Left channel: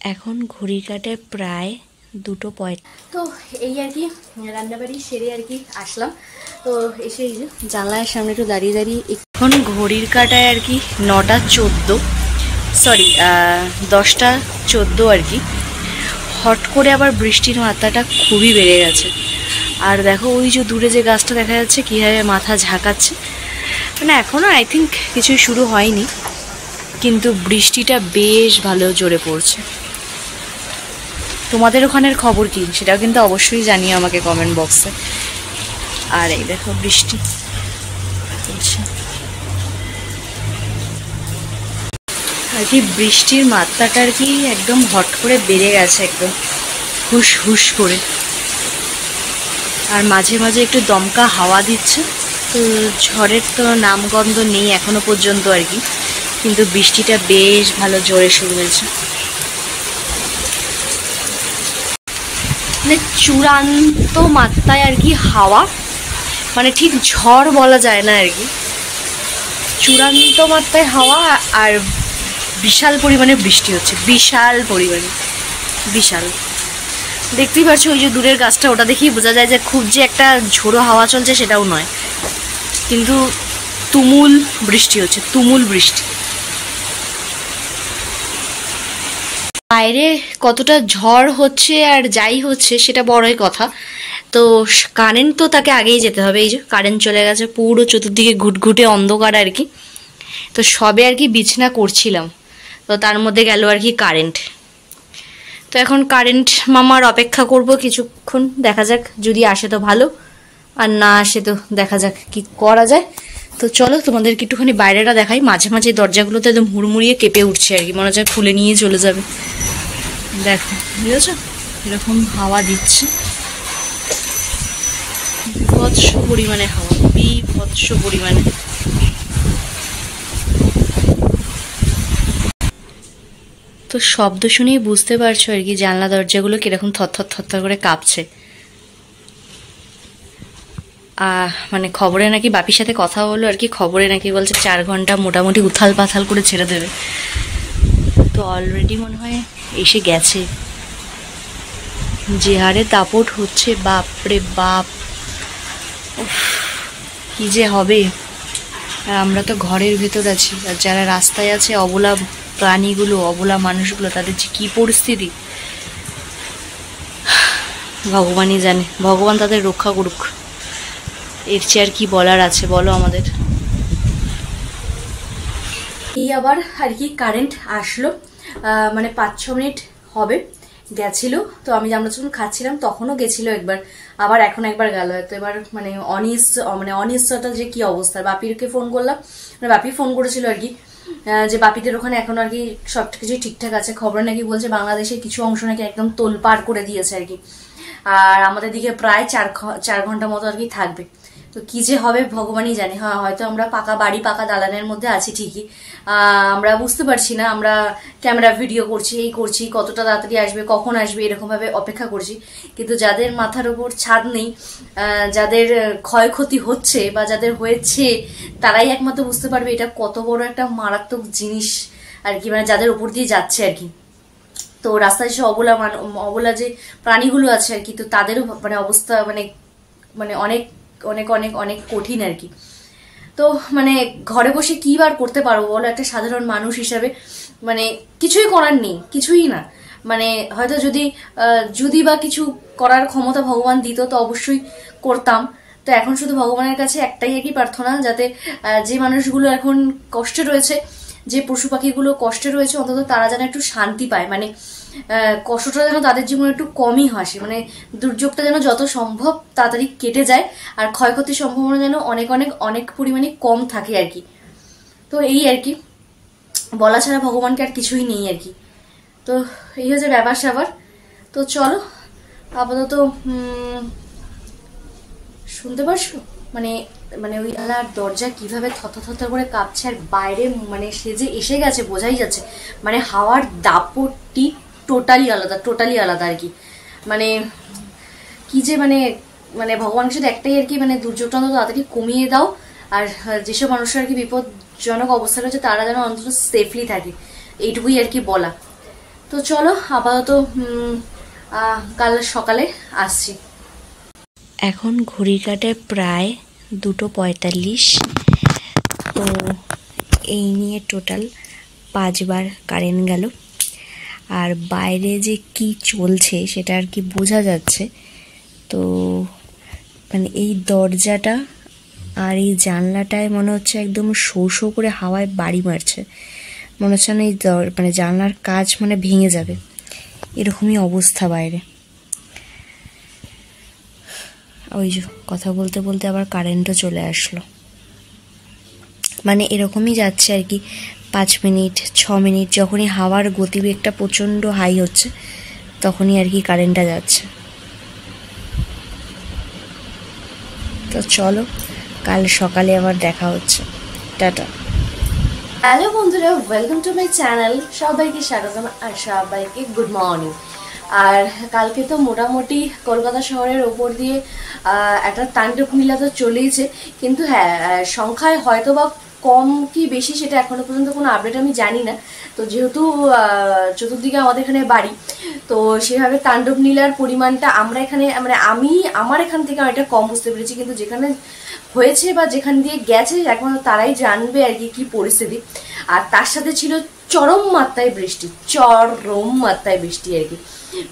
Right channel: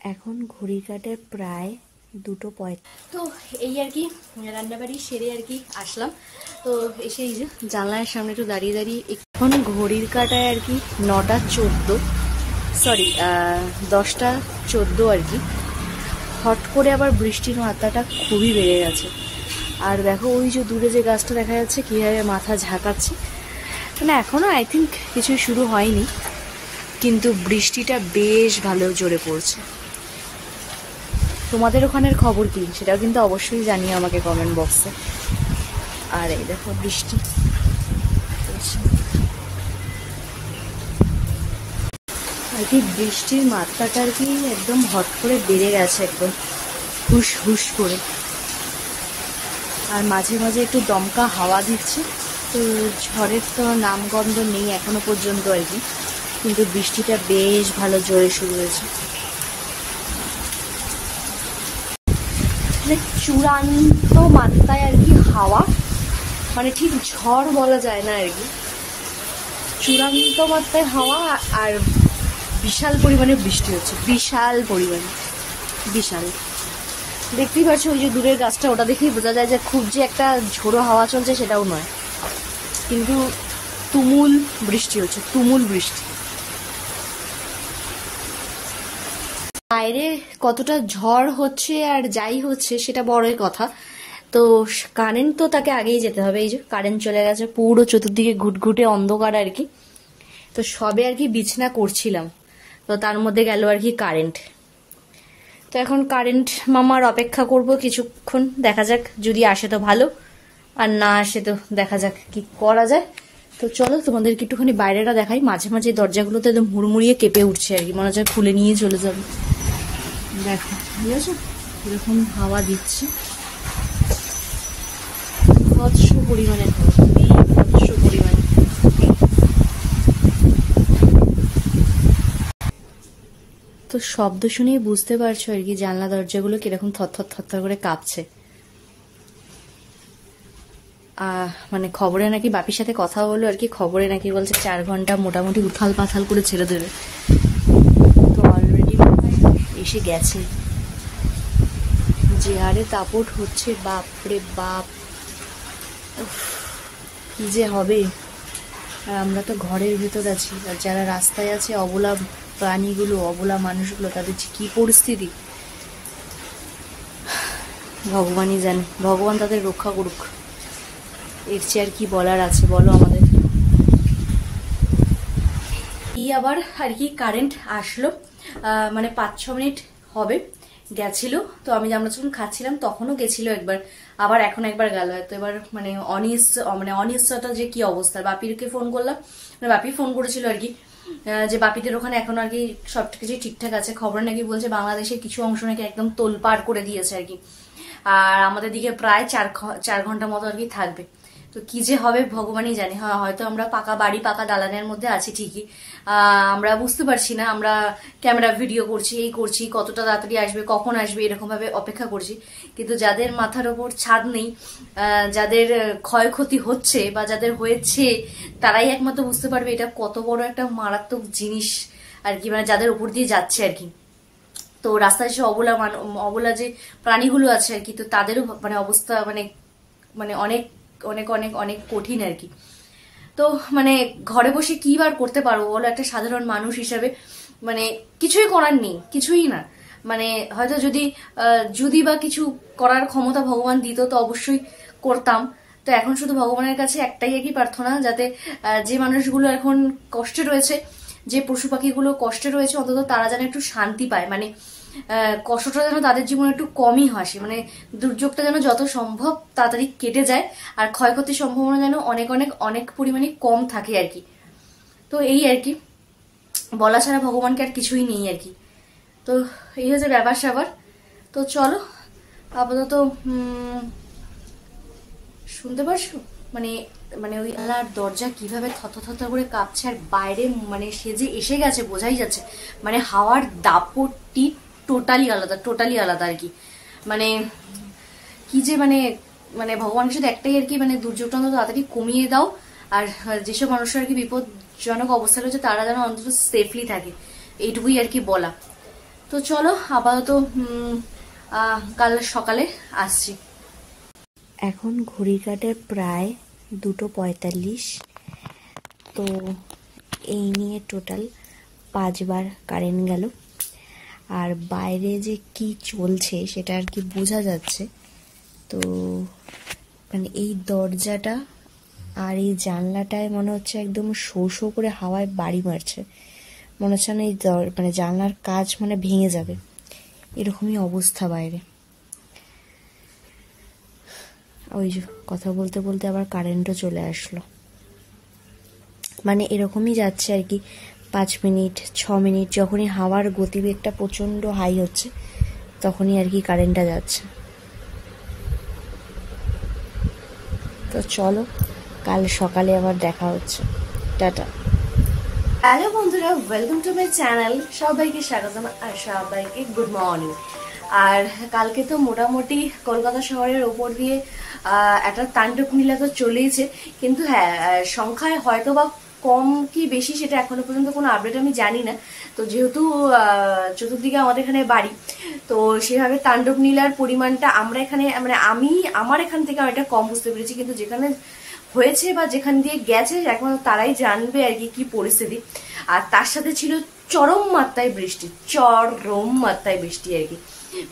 এখন ঘড়ির কাঁটায় প্রায় 2:05। তো এই আর কি রান্নাবাড়ি সেরে আর কি আসলাম। তো এসে এই যে জানলার সামনে একটু দাঁড়িয়ে দাঁড়িয়ে এখন ঘড়ির কাঁটায় আর কি 9:14, সরি 10:14 আর কি। হট করে আবার বৃষ্টির মাত্রাটা খুবই বেড়ে গেছে। আর দেখো ওই যে দূরে যে গাছটা দেখা যাচ্ছে কীভাবে মাথা ঝাঁকাচ্ছে, মানে এখনও আই থিঙ্ক কিছুই শুরু হয়নি, কিন্তু বৃষ্টিটা বেশ ভালো জোরে পড়ছে। তোমাদের ওখানের খবর কি সেটাও কিন্তু অবশ্যই জানিও আমাকে কমেন্ট বক্সে। আর এই দেখো বৃষ্টি পড়ছে আর কি, বৃষ্টির মাত্রাটা আর কি একদম হট করে বেড়ে গেছে, একদম হুস হুস করে। আর মাঝে মাঝে একটু দমকা হাওয়া দিচ্ছে। তো ঝড়ের তো নামগন্ধ নেই এখনো পর্যন্ত আর কি, কিন্তু বৃষ্টিটা বেশ ভালো জোরে শুরু হয়েছে। মানে চূড়ান্ত মাত্রায় আর কি হাওয়া, মানে ঠিক ঝড় বলা যায় না আর কি, চূড়ান্ত মাত্রায় হাওয়া। আর বিশাল পরিমাণে বৃষ্টি হচ্ছে, বিশাল পরিমাণে, বিশাল। দেখতেই পাচ্ছ ওই যে দূরের গাছটা, ওটা দেখেই বোঝা যায় যে খুব যে একটা ঝোড়ো হাওয়া চলছে সেটাও নয়, কিন্তু তুমুল বৃষ্টি হচ্ছে, তুমুল বৃষ্টি। বাইরে কতটা ঝড় হচ্ছে আর যাই হচ্ছে সেটা বড়ই কথা। তো কারেন্ট তো তাকে আগেই যেতে হবে। এই যে কারেন্ট চলে গেছে, পুরো চতুর্দিকে ঘুটঘুটে অন্ধকার আর কি। তো সবে আর কি বিছানা করছিলাম, তো তার মধ্যে গেল আর কি কারেন্ট। তো এখন কারেন্ট মামার অপেক্ষা করব কিছুক্ষণ, দেখা যাক, যদি আসে তো ভালো, আর না আসে তো দেখা যাক কি করা যায়। তো চলো তোমাদেরকে একটুখানি বাইরেটা দেখাই। মাঝে মাঝে দরজাগুলোতে একদম হুড়মুড়িয়ে কেঁপে উঠছে আর কি, মনে হচ্ছে খুলে নিয়ে চলে যাবে। দেখো বুঝেছো, এরকম হাওয়া দিচ্ছে, বিভৎস পরিমাণে হাওয়া, বিভৎস পরিমাণে। তো শব্দ শুনেই বুঝতে পারছো আর কি জানলা দরজাগুলো কিরকম থরথর থরথর করে কাঁপছে। মানে খবরে নাকি বাপির সাথে কথা হলো আর কি, খবরে নাকি বলছে 4 ঘন্টা মোটামুটি উথাল পাথাল করে ছেড়ে দেবে। তো অলরেডি মনে হয় এসে গেছে। যে হারে দাপট হচ্ছে, বাপরে বাপ, কি যে হবে। আর আমরা তো ঘরের ভেতর আছি, আর যারা রাস্তায় আছে, অবলা প্রাণীগুলো, অবলা মানুষগুলো, তাদের যে কি পরিস্থিতি ভগবানই জানে। ভগবান তাদের রক্ষা করুক, এর চেয়ে আর কি বলার আছে বলো আমাদের। এই আবার আর কি কারেন্ট আসলো, মানে 5-6 মিনিট হবে গেছিল। তো আমি আমরা যখন খাচ্ছিলাম তখনও গেছিল একবার, আবার এখন একবার গেল। তো এবার মানে অনিশ্চয়তা যে কি অবস্থা। বাপিরকে ফোন করলাম, মানে বাপি ফোন করেছিল আর কি, যে বাপিদের ওখানে এখন আর কি সবকিছু ঠিকঠাক আছে। খবর নাকি বলছে বাংলাদেশের কিছু অংশ নাকি একদম তোলপাড় করে দিয়েছে আর কি, আর আমাদের দিকে প্রায় 4 ঘন্টা মতো আর কি থাকবে। তো কি যে হবে ভগবানই জানে। হ্যাঁ, হয়তো আমরা পাকা বাড়ি, পাকা দালানের মধ্যে আছি ঠিকই, আমরা বুঝতে পারছি না, আমরা ক্যামেরা ভিডিও করছি, এই করছি, কতটা তাড়াতাড়ি আসবে, কখন আসবে, এরকম ভাবে অপেক্ষা করছি। কিন্তু যাদের মাথার উপর ছাদ নেই, যাদের ক্ষয়ক্ষতি হচ্ছে বা যাদের হয়েছে, তারাই একমাত্র বুঝতে পারবে এটা কত বড় একটা মারাত্মক জিনিস আর কি, মানে যাদের উপর দিয়ে যাচ্ছে আর কি। তো রাস্তায় সে অবলা যে প্রাণীগুলো আছে আর কি, তো তাদেরও মানে অবস্থা মানে মানে অনেক অনেক অনেক অনেক কঠিন আর কি। তো মানে ঘরে বসে কি বার করতে পারবো বলো একটা সাধারণ মানুষ হিসাবে, মানে কিছুই করার নেই, কিছুই না। মানে হয়তো যদি বা কিছু করার ক্ষমতা ভগবান দিত তো অবশ্যই করতাম। তো এখন শুধু ভগবানের কাছে একটাই একই প্রার্থনা, যাতে যে মানুষগুলো এখন কষ্টে রয়েছে, যে পশু পাখিগুলো কষ্টে রয়েছে, অন্তত তারা যেন একটু শান্তি পায়, মানে কষ্টটা যেন তাদের জীবনে একটু কমই হাসে, মানে দুর্যোগটা যেন যত সম্ভব তাড়াতাড়ি কেটে যায়, আর ক্ষয়ক্ষতির সম্ভাবনা যেন অনেক অনেক অনেক পরিমাণে কম থাকে আর কি। তো এই আর কি, বলা ছাড়া ভগবানকে আর কিছুই নেই আর কি। তো এই হচ্ছে ব্যাপার স্যাপার। তো চলো আপাতত শুনতে পারছো মানে মানে ওই জানলার দরজা কিভাবে থরথর করে কাঁপছে, আর বাইরে মানে সে যে এসে গেছে বোঝাই যাচ্ছে। মানে হাওয়ার দাপটটি টোটালি আলাদা আর কি। মানে কি যে মানে মানে ভগবানের সাথে একটাই আর কি, মানে দুর্যোগটা অন্তত তাড়াতাড়ি কমিয়ে দাও, আর যেসব মানুষের আর কি বিপজ্জনক অবস্থা রয়েছে তারা যেন অন্তত সেফলি থাকে, এইটুকুই আর কি বলা। তো চলো আপাতত কাল সকালে আসছি। এখন ঘড়ির কাঁটায় প্রায় 2:45। তো এই নিয়ে টোটাল 5 বার কারেন্ট গেল। আর বাইরে যে কি চলছে সেটা আর কি বোঝা যাচ্ছে। তো মানে এই দরজাটা আর এই জানলাটায় মনে হচ্ছে একদম শো শো করে হাওয়ায় বাড়ি মারছে। মনে হচ্ছে না এই মানে জানলার কাজ মানে ভেঙে যাবে, এরকমই অবস্থা বাইরে। ওই যে কথা বলতে বলতে আবার কারেন্টও চলে আসলো। মানে এরকমই যাচ্ছে আর কি, 5 মিনিট 6 মিনিট যখনই হাওয়ার গতিবেগটা প্রচণ্ড হাই হচ্ছে তখনই আর কি কারেন্টটা যাচ্ছে। তো চলো কাল সকালে আবার দেখা হচ্ছে। টাটা। হ্যালো বন্ধুরা, ওয়েলকাম টু মাই চ্যানেল। সবাইকে স্বাগতম আর সবাইকে গুড মর্নিং। আর কালকে তো মোটামুটি কলকাতা শহরের ওপর দিয়ে একটা তাণ্ডব নীলা তো চলেইছে, কিন্তু হ্যাঁ সংখ্যায় হয়তো বা কম কি বেশি সেটা এখনো পর্যন্ত কোনো আপডেট আমি জানি না। তো যেহেতু চতুর্দিকে আমাদের এখানে বাড়ি, তো সেভাবে তাণ্ডব নীলার পরিমাণটা আমরা এখানে মানে আমার এখান থেকে অনেকটা কম বুঝতে পেরেছি, কিন্তু যেখানে হয়েছে বা যেখান দিয়ে গেছে একমাত্র তারাই জানবে আর কি কি পরিস্থিতি। আর তার সাথে ছিল চরম মাত্রায় বৃষ্টি, চরম মাত্রায় বৃষ্টি আর কি।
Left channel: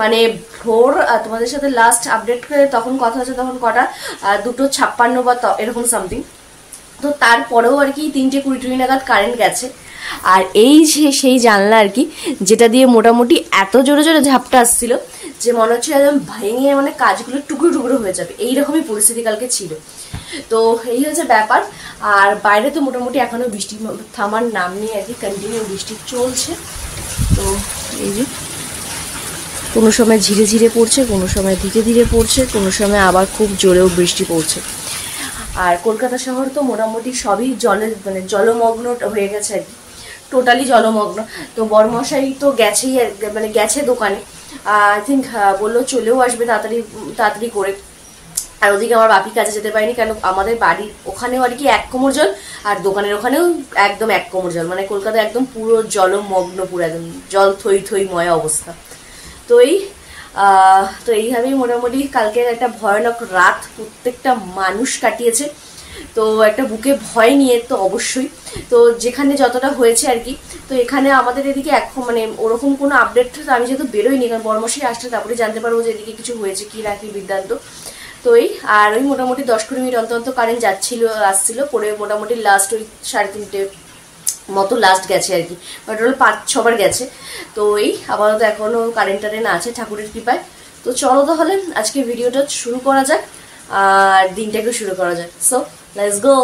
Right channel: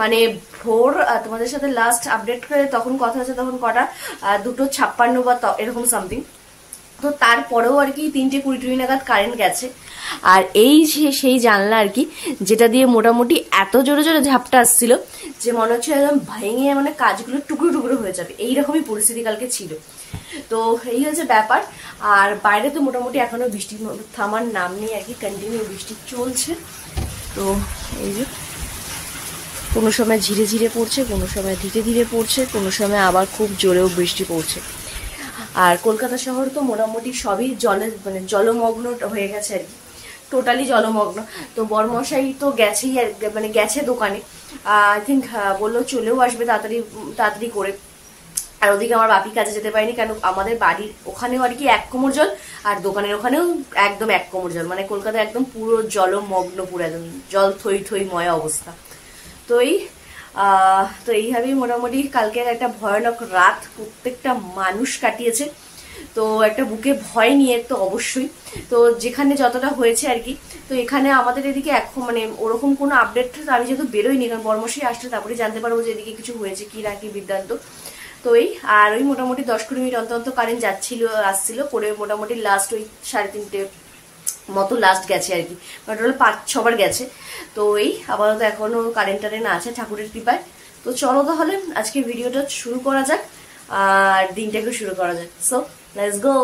মানে ভোর তোমাদের সাথে লাস্ট আপডেট করে তখন কথা হচ্ছে তখন কটা 2:56 বা এরকম সামথিং। তো তারপরেও আর কি 3:20 নাগাদ কারেন্ট গেছে। আর এই যে সেই জানলা আর কি, যেটা দিয়ে মোটামুটি এত জোরে জোরে ঝাপটা আসছিল যে মনে হচ্ছে একদম ভেঙে মানে কাজগুলো টুকরো টুকরো হয়ে যাবে, এইরকমই পরিস্থিতি কালকে ছিল। তো এই হচ্ছে ব্যাপার। আর বাইরে তো মোটামুটি এখনো বৃষ্টি থামার নাম নেই আর কি, কন্টিনিউ বৃষ্টি চলছে। তো এই যে কোনো সময় ধীরে ধীরে পড়ছে, কোনো সময় ধীরে ধীরে পড়ছে, কোনো সময় আবার খুব জোরেও বৃষ্টি পড়ছে। আর কলকাতা শহর তো মোটামুটি সবই জলে মানে জলমগ্ন হয়ে গেছে আর কি, টোটালি জলমগ্ন। তো বড়মশাই তো গেছেই মানে গেছে দোকানে, আই থিঙ্ক বললো চলেও আসবে তাড়াতাড়ি তাড়াতাড়ি করে। আর ওদিকে আমার বাপি কাজে যেতে পারেনি, কেন আমাদের বাড়ির ওখানেও আর কি 1 কোমর জল, আর দোকানের ওখানেও একদম 1 কোমর জল। মানে কলকাতা একদম পুরো জলমগ্ন, পুরো একদম জল থই থই ময় অবস্থা। তো তো এইভাবেই মোটামুটি কালকের একটা ভয়ানক রাত প্রত্যেকটা মানুষ কাটিয়েছে। তো একটা বুকে ভয় নিয়ে তো অবশ্যই, তো যেখানে যতটা হয়েছে আর কি। তো এখানে আমাদের এদিকে এখন মানে ওরকম কোনো আপডেট আমি যেহেতু বেরোইনি, কারণ বর্মশাই আসছে তারপরে জানতে পারবো যে এদিকে কিছু হয়েছে কি না কি বৃত্তান্ত। তো আর ওই মোটামুটি 10-20 মিনিট অন্তত কারেন্ট যাচ্ছিল আসছিল করে, মোটামুটি লাস্ট ওই 3:30 মতো লাস্ট গেছে আর কি, টোটাল 5-6 বার গেছে। তো আপাতত এখনো কারেন্ট টারেন্ট আছে ঠাকুরের কৃপায়। তো চলো তাহলে আজকে ভিডিওটা শুরু করা যাক আর দিনটাকে শুরু করা যাক। So let's go.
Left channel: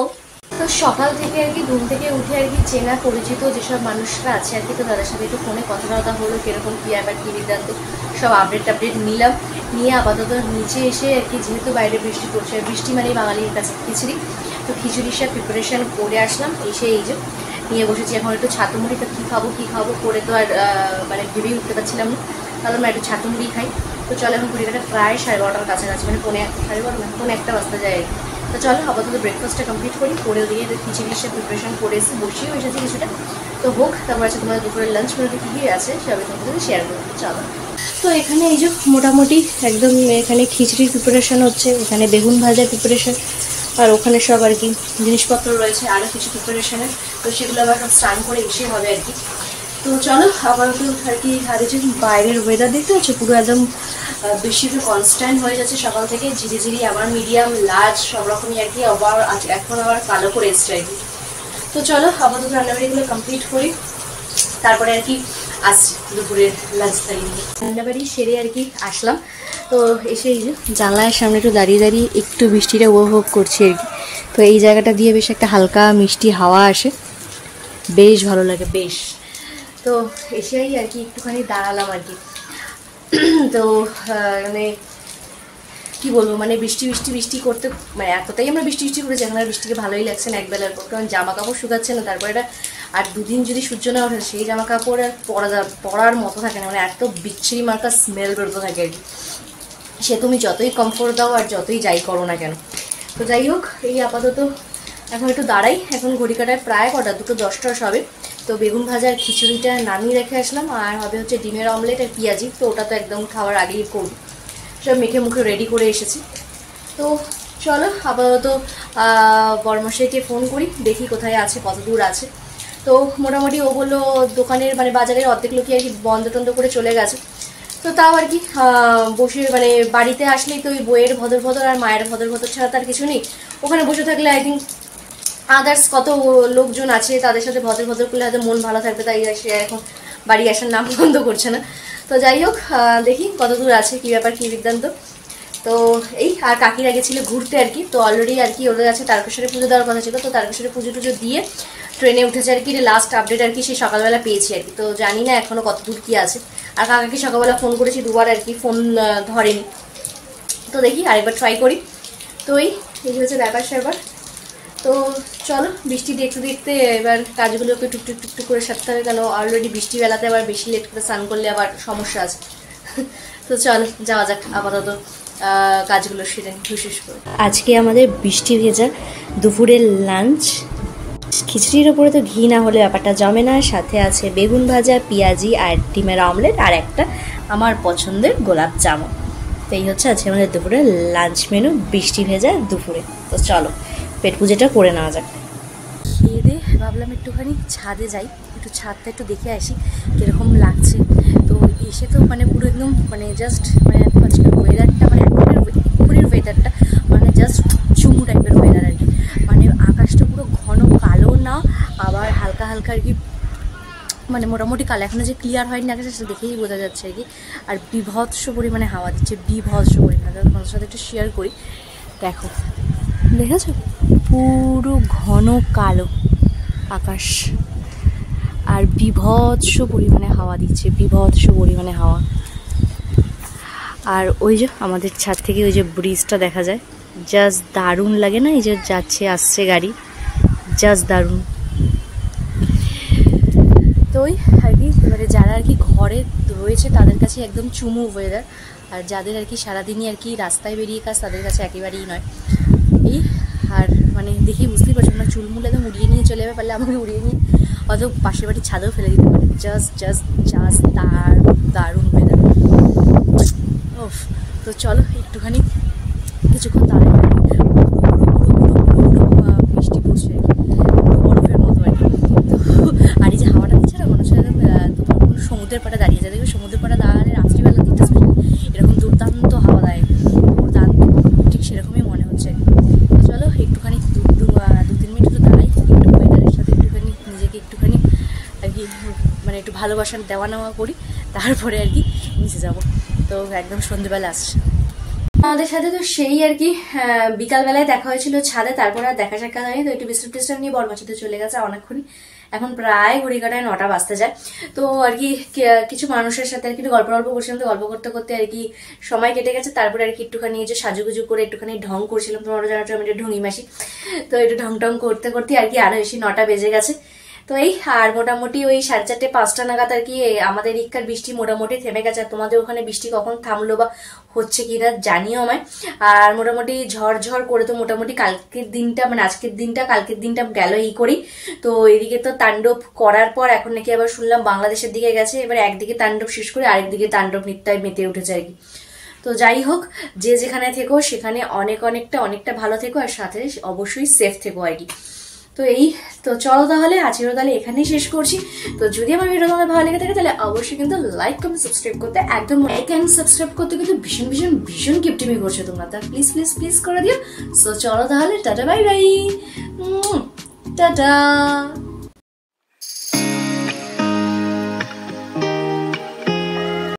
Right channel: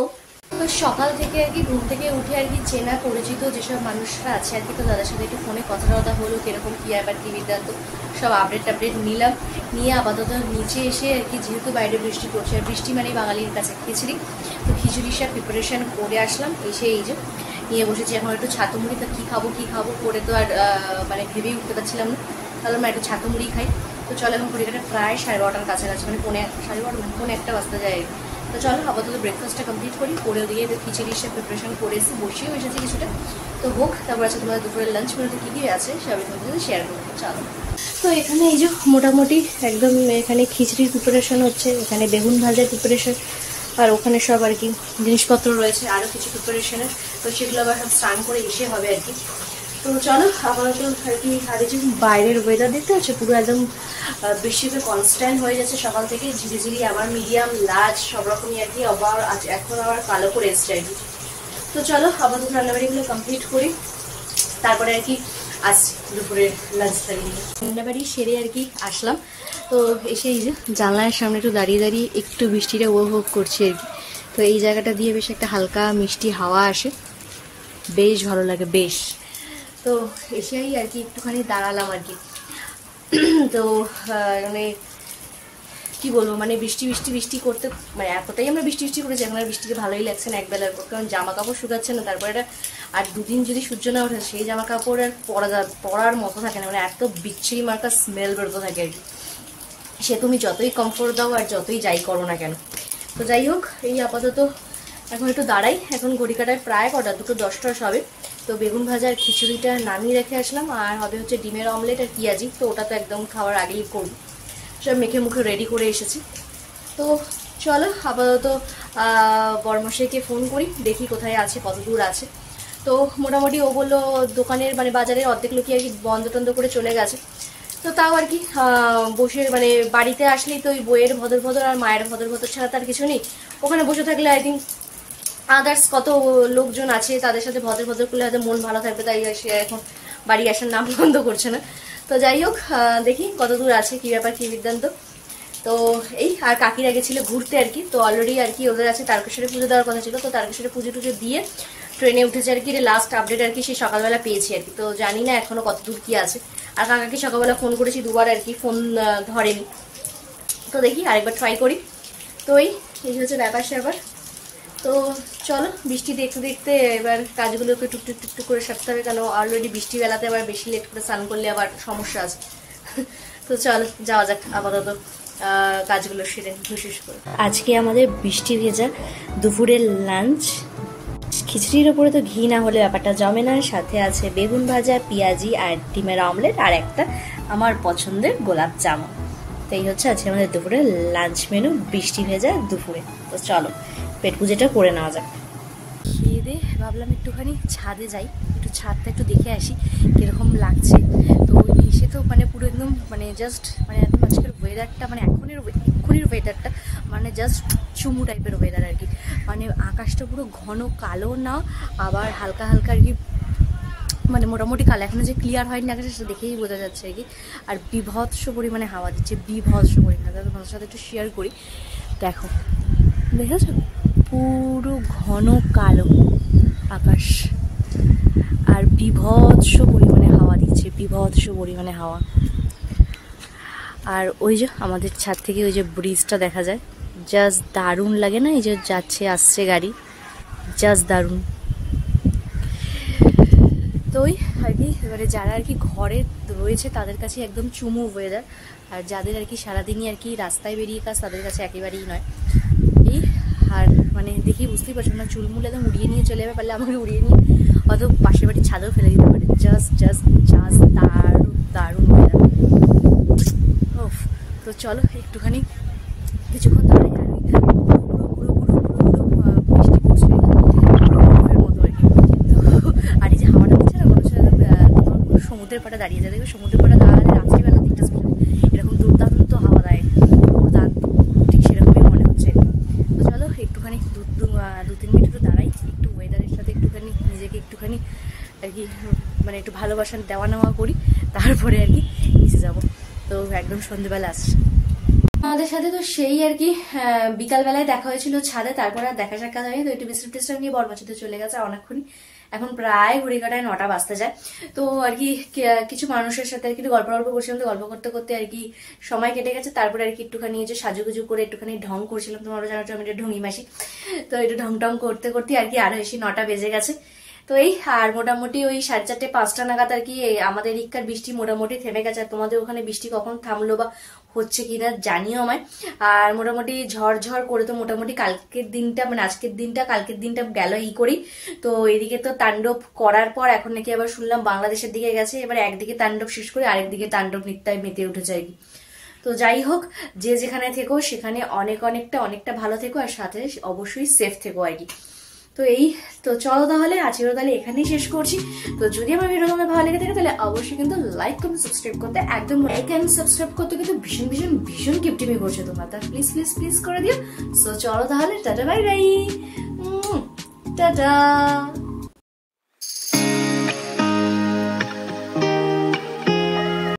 তো সকাল থেকে আর কি ঘুম থেকে উঠে আর কি চেনা পরিচিত যেসব মানুষরা আছে আর কি, তো তাদের সাথে একটু ফোনে কথাবার্তা হলো, কিরকম কি ব্যাপার কি বৃত্তান্ত সব আপডেট নিলাম। নিয়ে আপাতত নিচে এসে আর কি, যেহেতু বাইরে বৃষ্টি পড়ছে, বৃষ্টি মানে বাঙালির কাছে খিচুড়ি, তো খিচুড়ির সব প্রিপারেশন করে আসলাম। এসে এই যে নিয়ে বসেছি এখন একটু ছাতু মুড়ি। তো কী খাবো করে তো আর মানে ভেবেই উঠতে পারছিলাম না, তাহলে আমরা একটু ছাতু মুড়ি খাই। তো চলো এখন ঘড়িটা প্রায় 12:30টার কাছাকাছি, মানে 12:30 1 বাজতে যায় আর কি। তো চলো আপাতত ব্রেকফাস্টটা কমপ্লিট করি, করে দিয়ে খিচুড়ির সে প্রিপারেশন করে এসে বসিয়েও এসেছি কিছুটা। তো হোক, তারপর আছে তোমাদের দুপুরের লাঞ্চ মেনুতে কী কী আছে সবই তোমাদের শেয়ার করবো। চলো। তো এখানে এই যে মোটামুটি একদম এখানে খিচুড়ির প্রিপারেশন হচ্ছে, এখানে বেগুন ভাজার প্রিপারেশন, আর ওখানে সব আর কি জিনিসপত্র রয়েছে আরও কিছু প্রিপারেশনের। তো সেগুলো আবার সব স্নান করে এসে হবে আর কি। তো চলো আপাতত আর কি। আর যে বাইরের ওয়েদার দেখতে হচ্ছে পুরো একদম বৃষ্টিতে কনস্ট্যান্ট হয়ে যাচ্ছে সকাল থেকে, ঝিরি ঝিরি আবার মিডিয়াম লার্জ সব রকমই আর কি, আবার এখন আবার কালো করে এসছে আর কি। তো চলো আপাতত রান্নাবাড়িগুলো কমপ্লিট করি, তারপরে আর কি আসছি দুপুরের লাঞ্চ তারিখে। রান্নাবাড়ি সেরে আর কি আসলাম। তো এসে এই যে জানলার সামনে একটু দাঁড়িয়ে দাঁড়িয়ে একটু বৃষ্টিটা উপভোগ করছি আর কি। তো এই জায়গাটা দিয়ে বেশ একটা হালকা মিষ্টি হাওয়া আসে, বেশ ভালো লাগে বেশ। তো এসেই আর কি একটুখানি দাঁড়ালাম আর কি। তো মানে কি বলবো, মানে বৃষ্টি করতে মানে এতটাই আমরা বৃষ্টি করেছি, এখন আর বৃষ্টিকে ভালোই লাগছে না একবেলার পর, কারণ জামা কাপড় শুকাচ্ছে না। তারপরে এটা আর 2 দিন যদি সূর্য না ওঠে সেই জামা কাপড় আর পরার মতো থাকে না, মানে এত বিচ্ছিরি মার্কা স্মেল বেরোতে থাকে আর কি। সে তুমি যতই কমফোর্ট দাও আর যতই যাই করো না কেন। তো যাই হোক, এই আপাতত এখন একটু দাঁড়াই। এখন ঘড়ি কাটায় প্রায় কটা 2:10 সবে। তো তো বেগুন ভাজার খিচুড়িটা নামিয়ে রেখে আসলাম, আর হবে হচ্ছে ডিমের অমলেট আর পেঁয়াজি। তো ওটা তো একদম খাওয়ার আগেই করব, সব মেখে মুখে রেডি করে এসেছি। তো চলো আপাতত বড়মশাইকে ফোন করি, দেখি কোথায় আছে, কত দূর আছে। তো মোটামুটি ও বললো দোকানের মানে বাজারের অর্ধেক লোকই আর কি বন্ধ টন্ধ করে চলে গেছে। তো তাও আর কি বসে মানে বাড়িতে আসলেই তো ওই বইয়ের ভদর ভদর আর মায়ের ভদর ভদর ছাড়া তার কিছু নেই। ওখানে বসে থাকলে আই থিঙ্ক আদার্স কত লোকজন আছে তাদের সাথে ভদর ভদর করলে হয়তো মন ভালো থাকবে, তাই সে এখন বাড়ি আসার নাম বন্ধ করছে না। তো যাই হোক দেখি কত দূর আছে, কি ব্যাপার কি বৃত্তান্ত। তো এই আর কাকিরা গেছিল ঘুরতে আর কি। তো অলরেডি আর কি ওদের আছে তারকেশ্বরে পুজো দেওয়ার কথা ছিল, তো তারকেশ্বরে পুজো টুজো দিয়ে ট্রেনে উঠেছে আর কি। লাস্ট আপডেট আর কি সেই সকালবেলা পেয়েছি আর কি। তো জানি না এখনো কত দূর কি আছে। আর কাকাকে সকালবেলা ফোন করেছি দুবার আর কি, ফোন ধরেনি। তো দেখি আরেকবার ট্রাই করি। তো এই হচ্ছে ব্যাপার স্যাপার। তো চলো বৃষ্টি দেখতে দেখতে এবার কাজগুলোকে টুকটুক টুকটুক করে সারতে হবে, কেন অলরেডি বৃষ্টি বেলাতে আবার বেশি লেট করে স্নান করলে আবার সমস্যা আছে। তো চল যাওয়া যাক আপাতত কাজগুলো সেরে হুস করে। আজকে আমাদের বৃষ্টি ভেজা দুপুরের লাঞ্চ, খিচুড়ির উপরে তো ঘি না হলে ব্যাপারটা জমে না। সাথে আছে বেগুন ভাজা, পেঁয়াজি আর ডিমের অমলেট, আর একটা আমার পছন্দের গোলাপ জামুন। তো এই হচ্ছে আজকে আমাদের দুপুরের লাঞ্চ মেনু, বৃষ্টি ভেজা দুপুরে। তো চলো পেট পুজোটা করে নেওয়া যাক। খেয়ে দিয়ে ভাবলাম একটুখানি ছাদে যাই, একটু ছাদটা একটু দেখে আসি কিরকম লাগছে। তো এসে তো মানে পুরো একদম মানে জাস্ট মানে এখন আজকে ওয়েদারটা মানে এখনের ওয়েদারটা মানে জাস্ট চুমু টাইপের ওয়েদার আর কি। মানে আকাশটা পুরো ঘন কালো না, আবার হালকা হালকা আর কি মানে মোটামুটি কালো, এখনো যে ক্লিয়ার হয়নি আকাশে সেটা দেখেই বোঝা যাচ্ছে আর কি। আর বিভৎস পরিমাণে হাওয়া দিচ্ছে, বিভৎস পরিমাণে। তোমাদের সাথে একটু শেয়ার করি, দেখো দেখেছো পুরো ঘন কালো আকাশ আর বিভৎস পরিমাণে হাওয়া দিচ্ছে, বিভৎস পরিমাণে হাওয়া। আর ওই যে আমাদের ছাদ থেকে ওই যে ব্রিজটা দেখা যায়, জাস্ট দারুণ লাগে না? এই যে যাচ্ছে আসছে গাড়ি, জাস্ট দারুণ। তো ওই আর কি মানে যারা আর কি ঘরে রয়েছে তাদের কাছে একদম চুমু ওয়েদার, আর যাদের আর কি সারাদিনই আর কি রাস্তায় বেরিয়ে কাজ তাদের কাছে একেবারেই নয়। এই আর মানে দেখি বুঝতেই পারছো না, চুলমুল একদম উড়িয়ে নিয়ে চলে যাবে, পারলে আমাকে উড়িয়ে নিয়ে অত পাশের বাড়ির ছাদেও ফেলে দিতে পারে। জাস্ট জাস্ট জাস্ট দারুণ ওয়েদার। তো চলো একটুখানি কিছুক্ষণ বৃষ্টি পড়ছে বরফের মতো আর কি। আর এই যে হাওয়াটা দিচ্ছে না, মনে হচ্ছে সমুদ্রের পাড়ে দাঁড়িয়ে যায়। দেখবে সমুদ্রের পাড়ে দাঁড়ালে রাত্রিবেলা দিকটা এরকম দুর্দান্ত হাওয়া দেয়, দুর্দান্ত, ঠিক সেরকমই মনে হচ্ছে। চলো একটুখানি 2-3 মিনিট একটু দাঁড়াই, একটু ওয়েদারের সাথে একটুখানি নিজেকে একটুখানি আর কি মানে একটু ভালোবাসার দেওয়া নেওয়া করি, তারপরে আর কি নিচে যাবো। তো একদম সন্ধ্যেবেলা আসছে আমাদের সাথে। তো সেই আর কি বিকালবেলায় দেখা হয়েছিল ছাদে, তারপরে আর দেখা সাক্ষাৎ হয়নি। তো একটু বিশ্রাম টিশ্রাম নিয়ে বরমাচিতে চলে গেছে অনেকক্ষণই, এখন প্রায় ঘড়িকাটায় 9টা বাজতে যায়। তো আর কি কিছু মানুষের সাথে আর কি গল্প করছিলাম, তো গল্প করতে করতে আর কি সময় কেটে গেছে। তারপরে আর কি একটুখানি যে সাজুগুজু করে একটুখানি ঢং করছিলাম, তোমরা জানো আমি ঢঙি মাসি। তো একটু ঢং টং করতে করতে আর কি আরো এসে 9টা বেজে গেছে। তো এই আর মোটামুটি ওই 4:30-5টা নাগাদ আর কি আমাদের এদিককার বৃষ্টি মোটামুটি থেমে গেছে। তোমাদের ওখানে বৃষ্টি কখন থামলো বা হচ্ছে কিনা জানিও আমায়। আর মোটামুটি ঝড় করে তো মোটামুটি কালকের দিনটা মানে আজকের দিনটা কালকের দিনটা গেল এই করি। তো এদিকে তো তাণ্ডব করার পর এখন নাকি আবার শুনলাম বাংলাদেশের দিকে গেছে। এবার একদিকে তাণ্ডব শেষ করে আরেকদিকে তাণ্ডব নৃত্যায় মেতে উঠেছে আর কি। তো যাই হোক, যে যেখানে থেকো সেখানে অনেকটা ভালো থেকো, আর সাথে অবশ্যই সেফ থেকো আর কি। তো এই তো চলো তাহলে আজকের তাহলে এখানেই শেষ করছি। তো যদি আমার ভিডিও তোমাদের ভালো লেগে থাকে তাহলে অবশ্যই কিন্তু লাইক কমেন্ট সাবস্ক্রাইব করতে একদম লাইক এন্ড সাবস্ক্রাইব করতে কিন্তু ভীষণ কিপটিমি করছো তোমরা, তা প্লিজ করে দিও। সো চলো তাহলে টাটা বাই বাই, টাটা।